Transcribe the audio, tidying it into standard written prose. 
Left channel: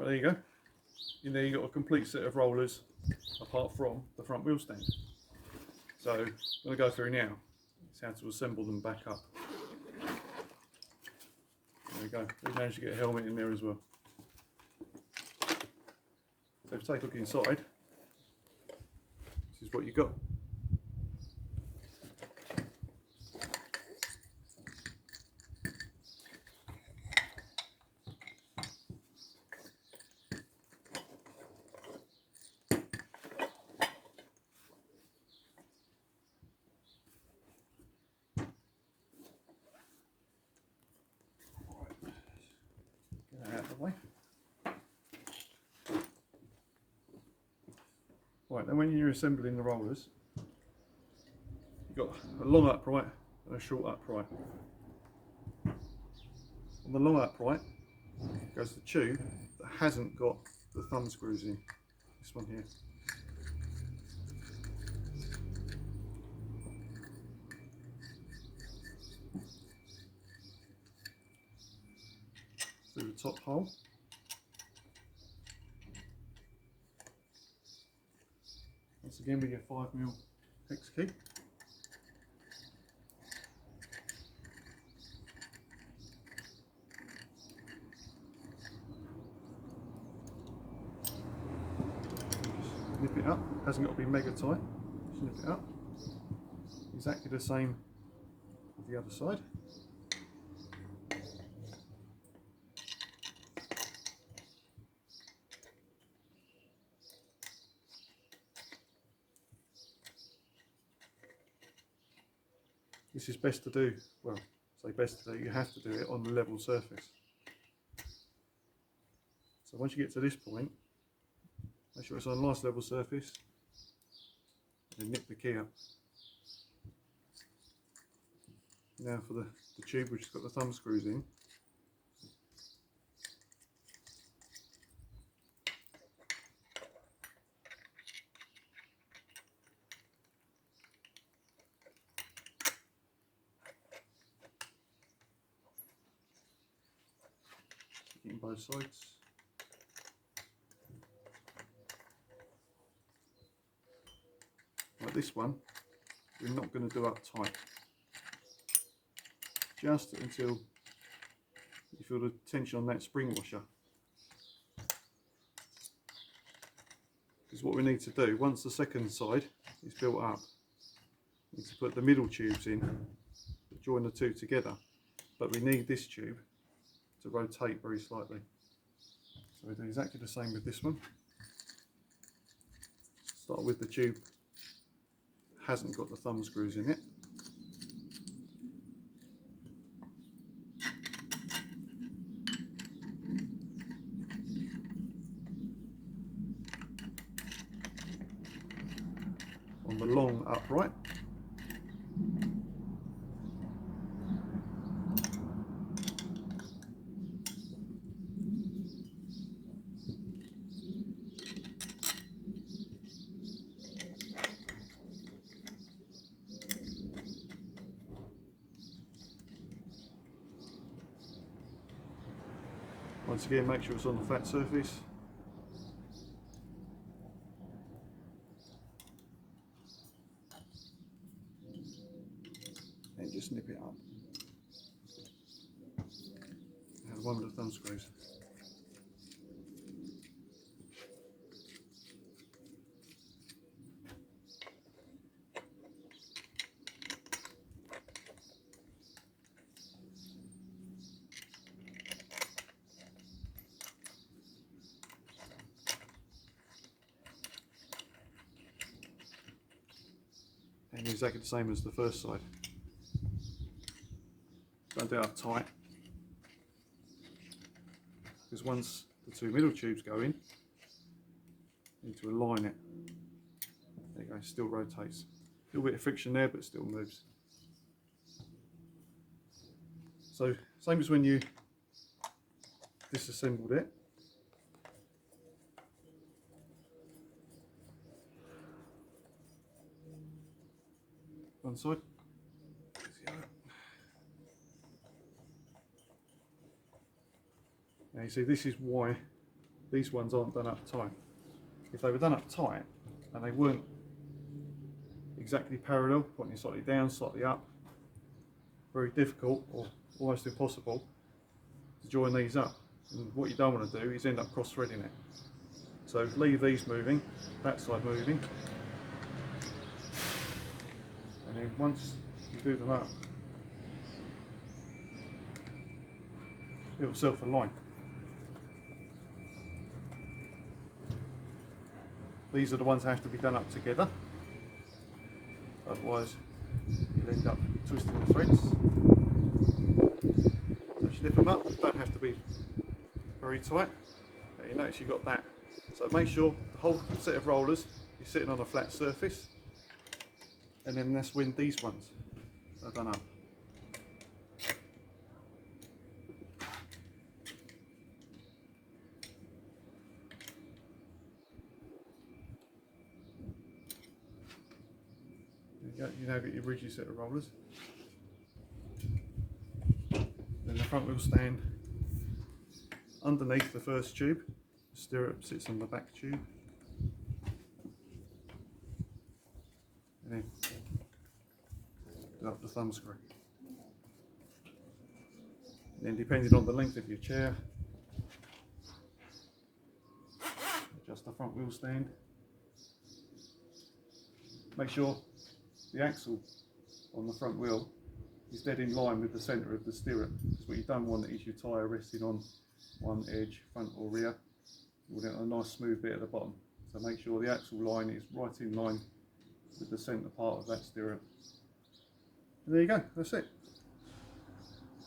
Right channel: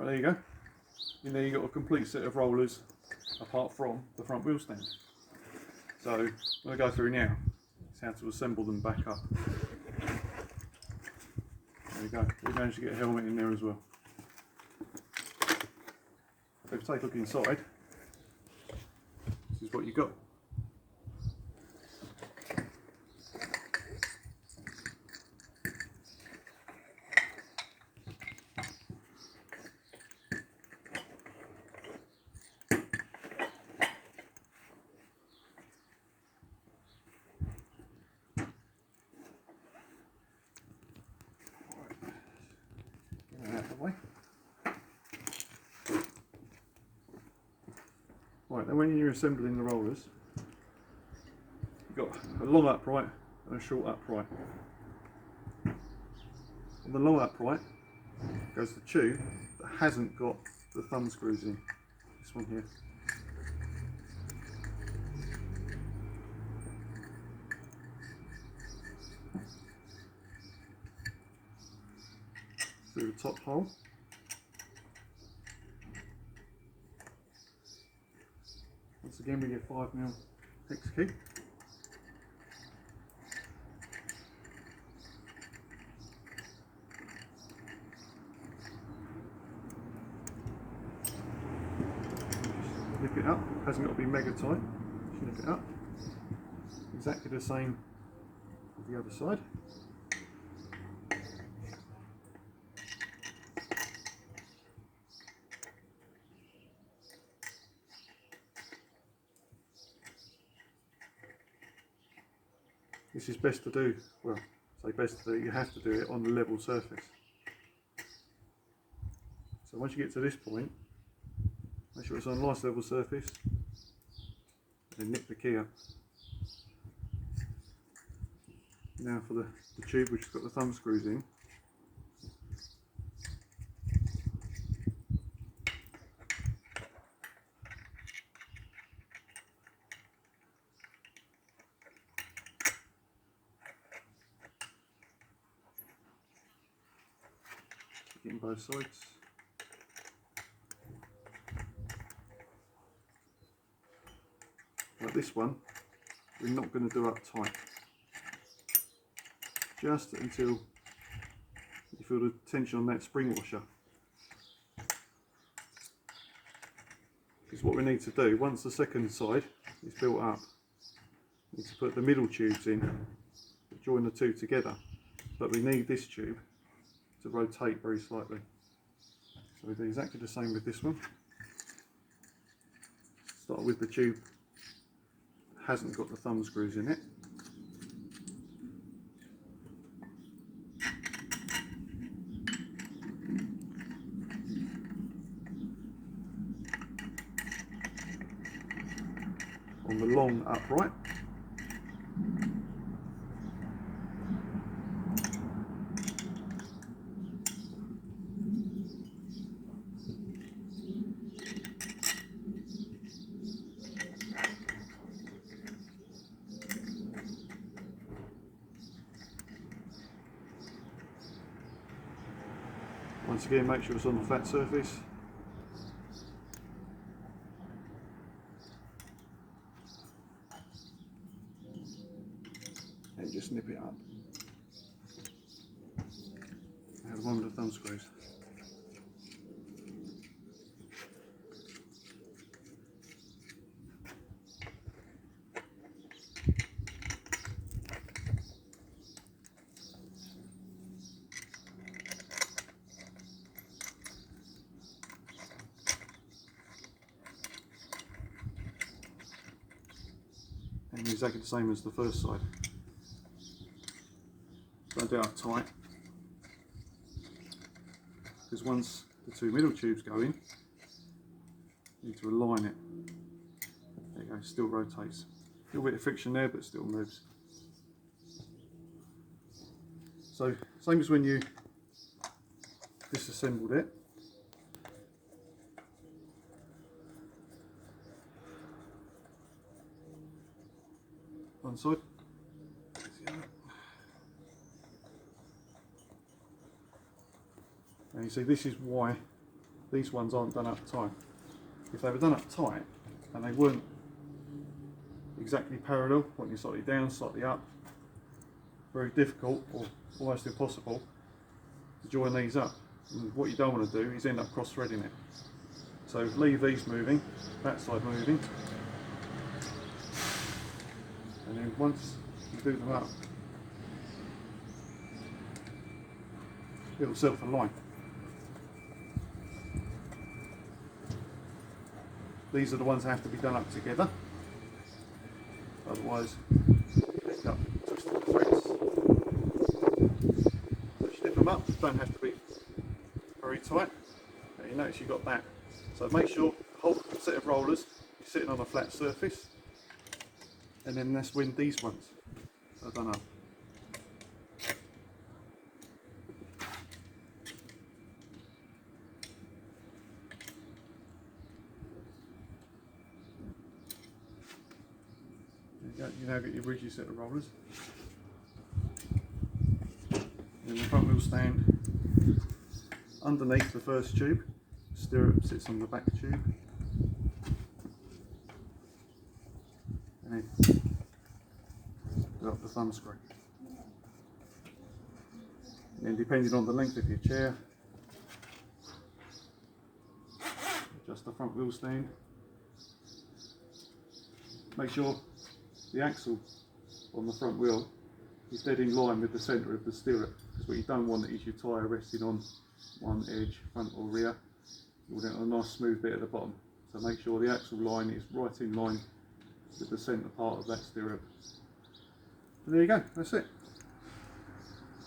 Right, there you go. In there you've got a complete set of rollers apart from the front wheel stand. So I'm going to go through now. It's how to assemble them back up. There we go. We managed to get a helmet in there as well. So if you take a look inside, this is what you got. Get that out of the way. Right, then when you're assembling the rollers, you've got a long upright and a short upright. On the long upright goes the tube that hasn't got the thumb screws in. This one here. Through the top hole. Once again with your 5mm hex key. Nip it up, hasn't got to be mega tight. Just nip it up. Exactly the same with the other side. This is best to do, well, say best to do, you have to do it on the level surface. So once you get to this point, make sure it's on a nice level surface, and then nip the key up. Now for the tube which has got the thumb screws in. Getting both sides. Like this one, we're not going to do up tight. Just until you feel the tension on that spring washer. Because what we need to do, once the second side is built up, we need to put the middle tubes in, join the two together. But we need this tube to rotate very slightly. So we do exactly the same with this one. Start with the tube that hasn't got the thumb screws in it. On the long upright. Once again, make sure it's on the flat surface. And just nip it up. And one of the thumb screws. And exactly the same as the first side. Don't do it up tight, because once the two middle tubes go in, you need to align it. There you go, still rotates. A little bit of friction there, but still moves. So, same as when you disassembled it. One side. Now you see, this is why these ones aren't done up tight. If they were done up tight and they weren't exactly parallel, pointing slightly down, slightly up, very difficult or almost impossible to join these up. And what you don't want to do is end up cross-threading it. So leave these moving, that side moving, and then once you do them up, it'll self-align. These are the ones that have to be done up together, otherwise you end up twisting the threads. So snip them up, don't have to be very tight, but you notice you've got that. So make sure the whole set of rollers is sitting on a flat surface, and then that's when these ones are done up. You now get your rigid set of rollers. Then the front wheel stand underneath the first tube, stirrup sits on the back tube, and then up the thumb screw. And then depending on the length of your chair, adjust the front wheel stand. Make sure the axle on the front wheel is dead in line with the centre of the stirrup, because what you don't want is your tyre resting on one edge, front or rear. You want it on a nice smooth bit at the bottom. So make sure the axle line is right in line with the centre part of that stirrup. And there you go, that's it.